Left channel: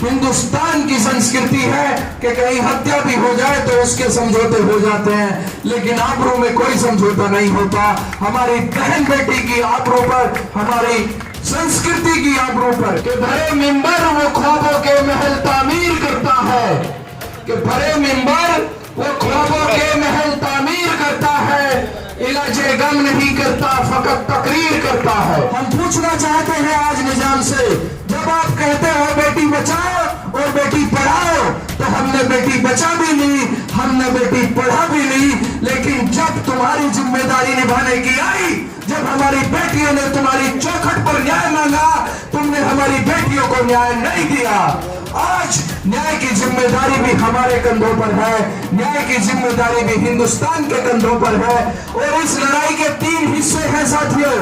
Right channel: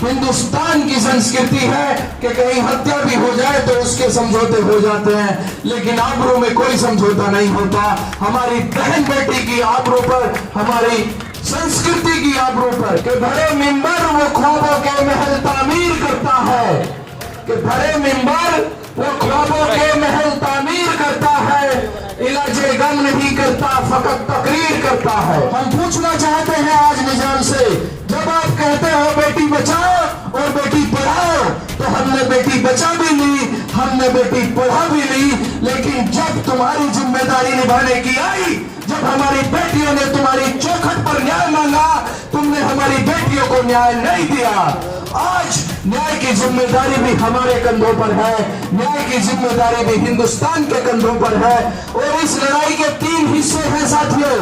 हिंदुस्तान की संस्कृति है कि कहीं हत्या भी हो जाए तो उसके समझौते हो जाते हैं, लेकिन आबरू में कोई समझौता नहीं होता। हमारी बहन बेटी की आबरू पर, हमारी संस्कृति की आबरू पर कि भरे मिंबर वो ख्वाबों के महल तामीर करता है, कि भरे मिंबर वो ख्वाबों के महल तामीर करता है, इलाजे गम नहीं करता फकत तकरीर करता है। हम पूछना चाहते हैं आज निजाम से, जब आप कहते हो बेटी बचाओ और बेटी पढ़ाओ, तो हमने बेटी बचा भी ली, हमने बेटी पढ़ा भी ली, लेकिन जब तुम्हारी जिम्मेदारी निभाने की आई, जब हमारी बेटियों ने तुम्हारी चौखट पर न्याय मांगा, तुमने हमारी बेटियों को न्याय नहीं दिया। आज न्याय की जिम्मेदारी भी हमारे कंधों पर है, न्याय की जिम्मेदारी भी हिंदुस्तान के कंधों पर है। और इस लड़ाई के 3 हिस्से हैं साथियों।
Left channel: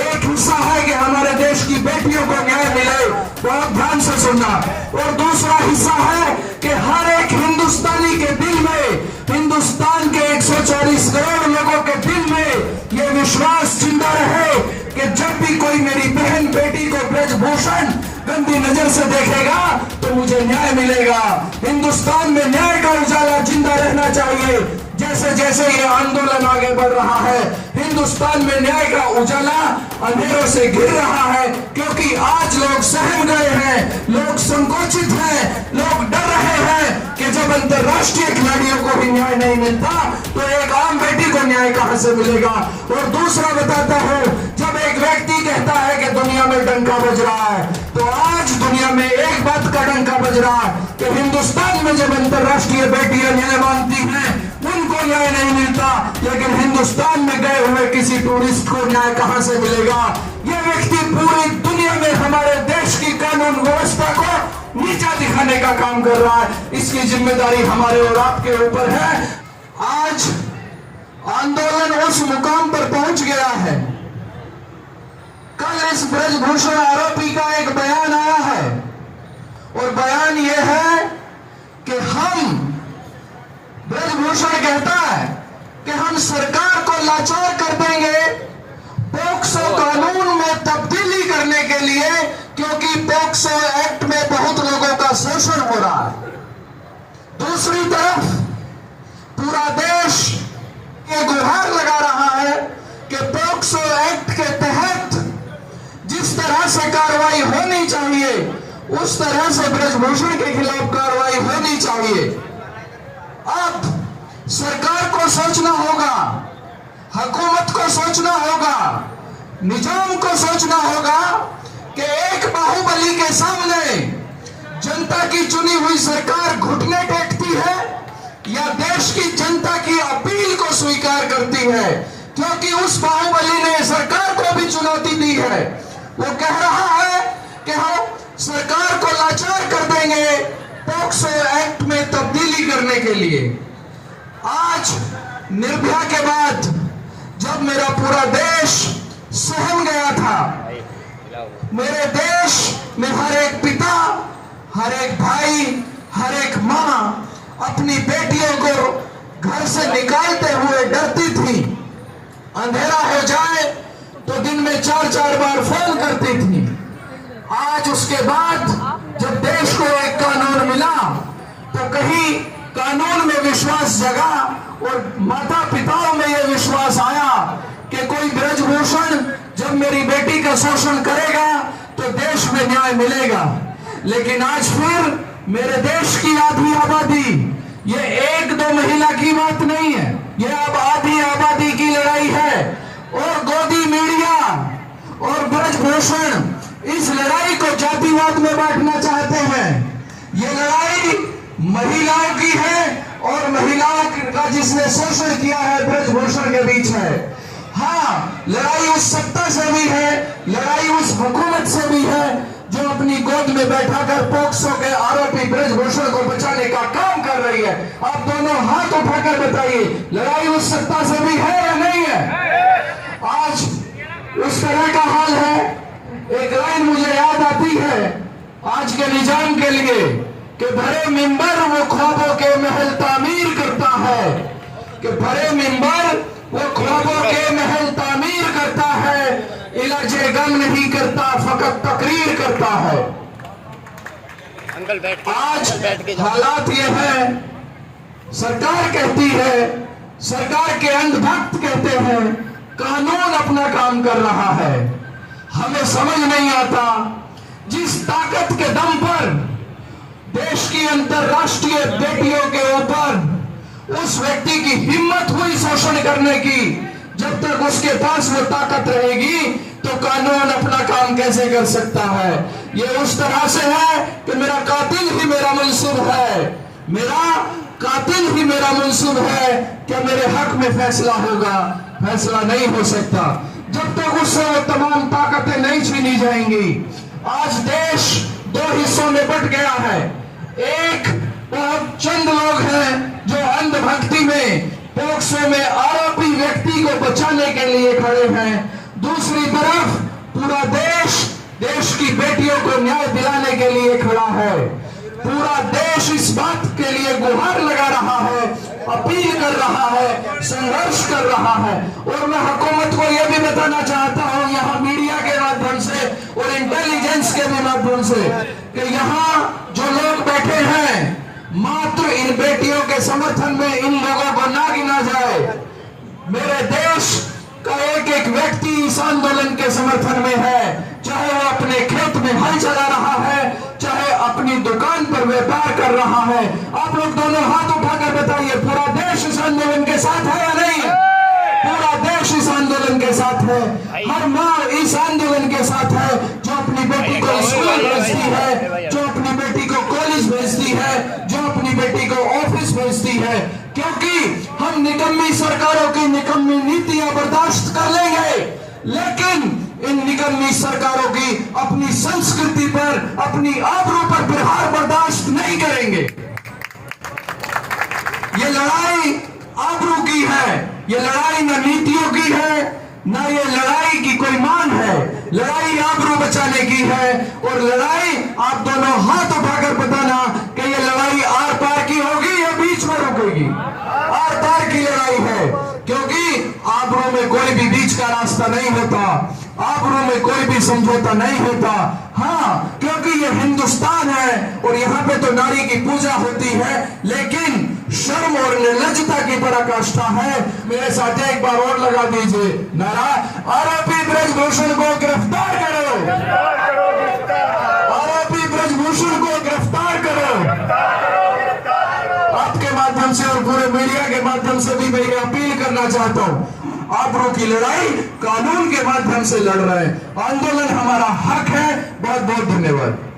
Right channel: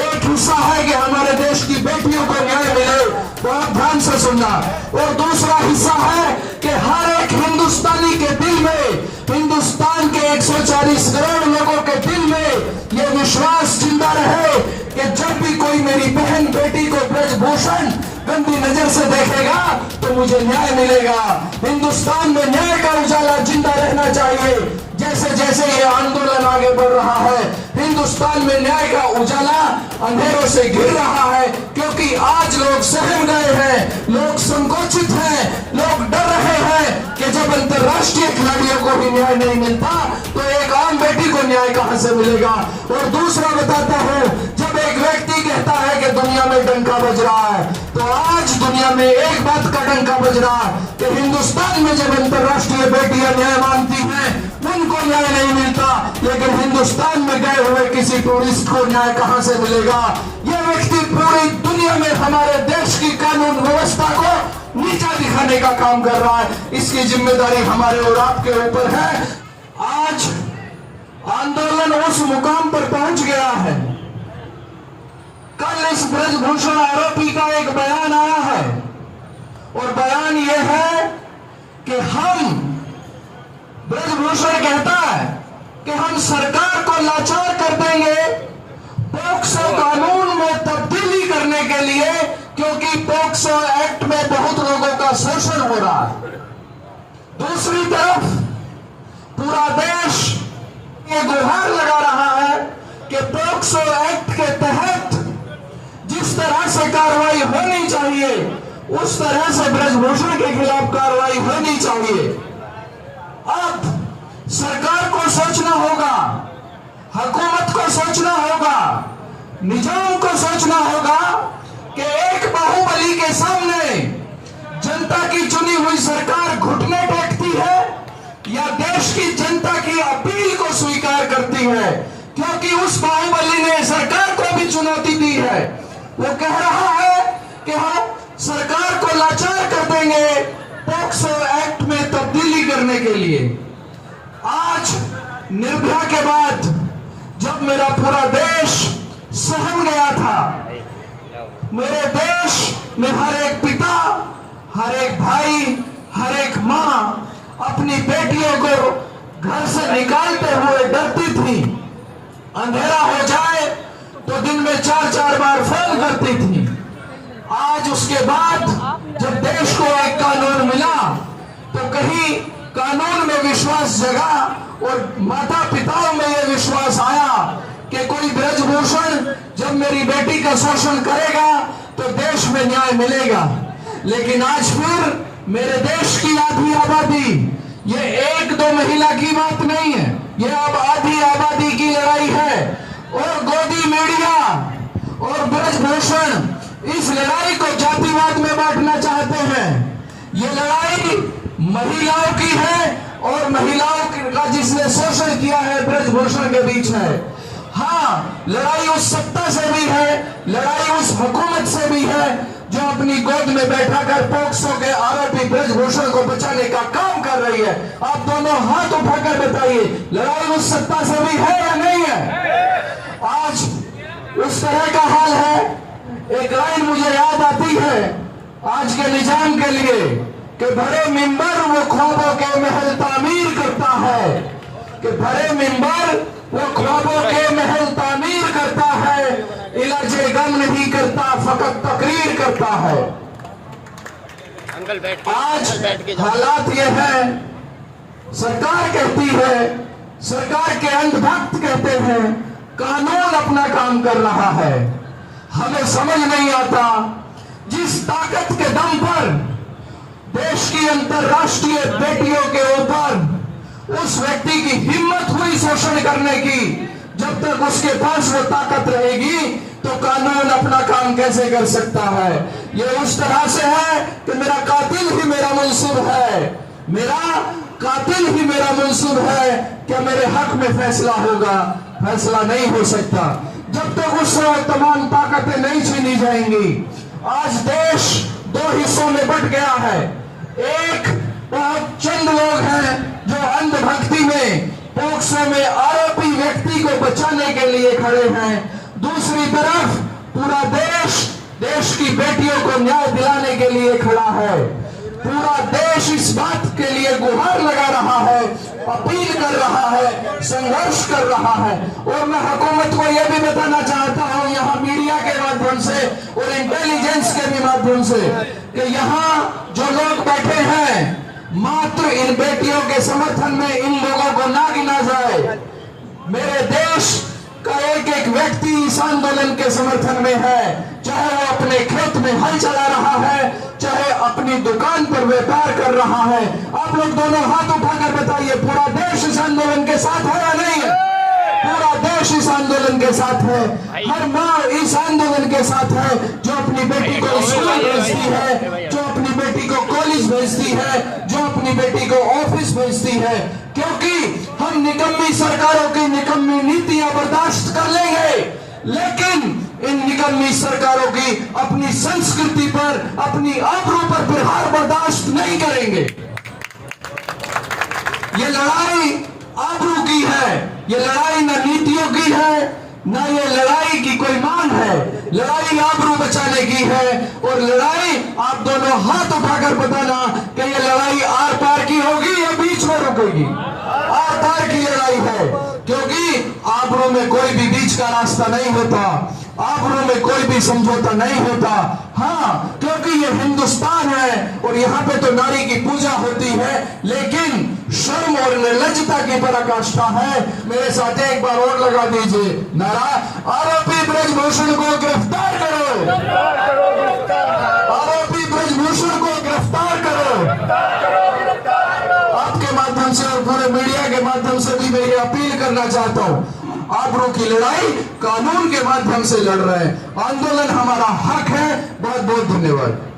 एक हिस्सा है कि हमारे देश की बेटियों को न्याय मिले, बहुत ध्यान से सुनना। और दूसरा हिस्सा है कि हर एक हिंदुस्तानी के दिल में, हिंदुस्तान के 140 करोड़ लोगों के दिल में यह विश्वास जिंदा रहे कि जब भी कोई मेरी बहन बेटी को ब्रजभूषण गंदी नजर से देखेगा तो मुझे न्याय मिलेगा। हिंदुस्तान में न्याय का उजाला जिंदा रहना चाहिए। जैसे जैसे ये आंदोलन आगे बढ़ रहा है, हिंदुस्तान में न्याय का उजाला अंधेरों से घिर रहा है, क्योंकि आज लोग सहम गए हैं, लोग संकोचित हैं, लोग डर रहे हैं कि जब अंतर्राष्ट्रीय खिलाड़ियों को भी न्याय नहीं मिलता तो एक आम बेटी को न्याय कहां से मिलेगा। और दूसरा बताता हूं, जब एक व्यक्ति कहता है कि दुनिया में डंका बज रहा है, तो आज दुनिया में एक बात का डंका बज रहा है कि हिंदुस्तान में जब अंतर्राष्ट्रीय बेटियां न्याय मांगती हैं उनको न्याय नहीं मिलता, लेकिन हिंदुस्तान में गए हुए किसी टूरिस्ट को न्याय कहां से मिलेगा। यह व्यक्ति पूरी दुनिया में हमारे देश की कानून व्यवस्था को नीचा दिखाने का काम कर रहा है। इसकी जिम्मेदारी हमारे और आपके ऊपर है। आज आंदोलन उस मुकाम पर पहुंच गया है। कल इस ब्रजभूषण आरोपी का एक बयान आया है, और बयान यह है कि हम, ब्रजभूषण कहता है कि हम सरकार को लाचार कर देंगे पोक्सो कानून में तब्दीली करने के लिए, क्योंकि पोक्सो एक्ट में बहुत लोगों का शोषण हो रहा है। दूसरी तरफ पूरा देश ये गुहार लगा रहा है कि पोक्सो एक्ट के तहत जिस तरह से कार्रवाई होनी चाहिए उस तरह से ब्रजभूषण के खिलाफ कार्रवाई होनी चाहिए। अब सरकार को सोचना होगा, हुकूमत को सोचना होगा, निजाम को सोचना होगा कि एक बाहुबली के सामने जनता की चुनी हुई सरकार घुटने टेकती है या देश की जनता की अपील को स्वीकार करती है, क्योंकि उस बाहुबली ने सरकार को भी चुनौती दी है। वो कह रहा है कि हम सरकार को लाचार कर देंगे पोक्सो एक्ट में तब्दीली करने के लिए। आज निर्भया के बाद जब मेरा पूरा देश सहम गया था, मेरे देश में हर एक पिता, हर एक भाई, हर एक मां अपनी बेटियों को घर से निकालते हुए डरती थी। अंधेरा हो जाए तो दिन में 4-4 बार फोन करती थी। आज उसके बाद जब देश को एक कानून मिला तो कहीं कानून में विश्वास जगा और माता पिताओं में यह विश्वास आया कि कोई ब्रजभूषण जब मेरी बेटी का शोषण करेगा तो देश में न्याय मिलेगा। लेकिन आज फिर मेरे देश की आधी आबादी, ये 1-2 महिला की बात नहीं है, ये अब आधी आबादी की लड़ाई है। और गोदी मीडिया और ब्रजभूषण इस लड़ाई को जातिवाद में बांटना चाहते हैं। ये लड़ाई महिलाओं की है और महिलाओं का जिसने शोषण किया है ब्रजभूषण के बीच है। हाँ, लड़ाई उस सत्ता से भी है, लड़ाई उस हुकूमत से भी है जो अपनी गोद में बैठाकर पोक्सो के आरोपी ब्रजभूषण को बचाने का काम कर रही है। आप दोनों हाथ उठाकर बताइए, लड़ाई उस सत्ता से भी है या नहीं है? आज उस तरह का हाल है। एक लाइन मुझे याद आती है आज के निजाम के लिए कि भरे मिंबर वो ख्वाबों के महल तामीर करता है, कि भरे मिंबर वो ख्वाबों के महल तामीर करता है, इलाजे गम नहीं करता फकत तकरीर करता है। आज हालात ये है, सरकार कहती है, सरकार के अंधभक्त कहते हैं कानून अपना काम कर रहा है। हमें समझ नहीं आता, जिस ताकत के दम पर देश की अंतरराष्ट्रीय बेटियों के ऊपर उस व्यक्ति की हिम्मत हुई शोषण करने की, जब तक उसके पास वो ताकत रहेगी तो कानून अपना काम कैसे कर सकता है। ये उस तरह से है कि मेरा कातिल ही मेरा मंसूब है, मेरा कातिल ही मेरा मंसूब है, क्या मेरे हक में फैसला होगा? फैसला नहीं हो सकता जब तक उससे वो तमाम ताकतें नहीं छीनी जाएंगी। आज देश दो हिस्सों में बंट गया है। एक बहुत चंद लोग हैं जो अंधभक्ति में, पोक्सो में आरोपी व्यक्ति को बचाने के लिए खड़े हैं। दूसरी तरफ पूरा देश की बेटियों को न्याय दिलाने के लिए खड़ा है। पूरा देश इस बात के लिए गुहार लगा रहा है, अपील कर रहा है, संघर्ष कर रहा है। और मैं हुकूमत को यह भी बताना चाहता हूं, यहाँ मीडिया के माध्यम से और इंटेलिजेंस के भी माध्यम से, कि यहाँ जो लोग बैठे हैं मात्र इन बेटियों के समर्थन में इन लोगों को ना गिना जाए। मेरे देश का एक एक व्यक्ति इस आंदोलन के समर्थन में है, चाहे वो अपने खेत में हल चला रहा है, चाहे अपनी दुकान पर व्यापार कर रहा है। आप लोग दोनों हाथ उठाकर बताइए, पूरा देश इस आंदोलन के साथ है या नहीं है? पूरा देश इस आंदोलन के साथ है। हर माँ इस आंदोलन के साथ है, जो अपनी बेटी को स्कूल भेजती है, जो अपनी बेटी को कॉलेज भेजती है, जो अपनी बेटी को ऑफिस भेजती है। क्योंकि हम निकम्मी सरकारों की निकम्मी नीतियां बर्दाश्त कर लेंगे, लेकिन इन निकम्मी सरकारों की अपनी संस्कृति पर, अपनी आबरू पर प्रहार बर्दाश्त नहीं करेंगे। ये लड़ाई आबरू की है, ये लड़ाई न नीतियों की है, न ये लड़ाई की कोई मांग है। लड़ाई आबरू बचाने की है। और लड़ाई, आप दोनों हाथ उठाकर बताना कि ये लड़ाई आर पार की होगी या बीच में रुकेगी? आर पार की लड़ाई है, क्योंकि आबरू में कोई भी बीच का रास्ता नहीं होता, आबरू में कोई भी समझौता नहीं होता। हाँ, क्योंकि ये हिंदुस्तान है और यहाँ पे तो नारी की पूजा होती है, लेकिन शर्म और निर्लज्जता की पराकाष्ठा है। मेरे साथ एक बार और लगा दीजिए नारा, आरोपी ब्रजभूषण को गिरफ्तार करो, आरोपी ब्रजभूषण को गिरफ्तार करो। आपके माध्यम से और पूरे मीडिया के माध्यम से भी मैं ये अपील करना चाहता हूँ, आबरू की लड़ाई कानून के माध्यम से लड़ रहे हैं। आंदोलन हमारा हक है। बहुत बहुत धन्यवाद।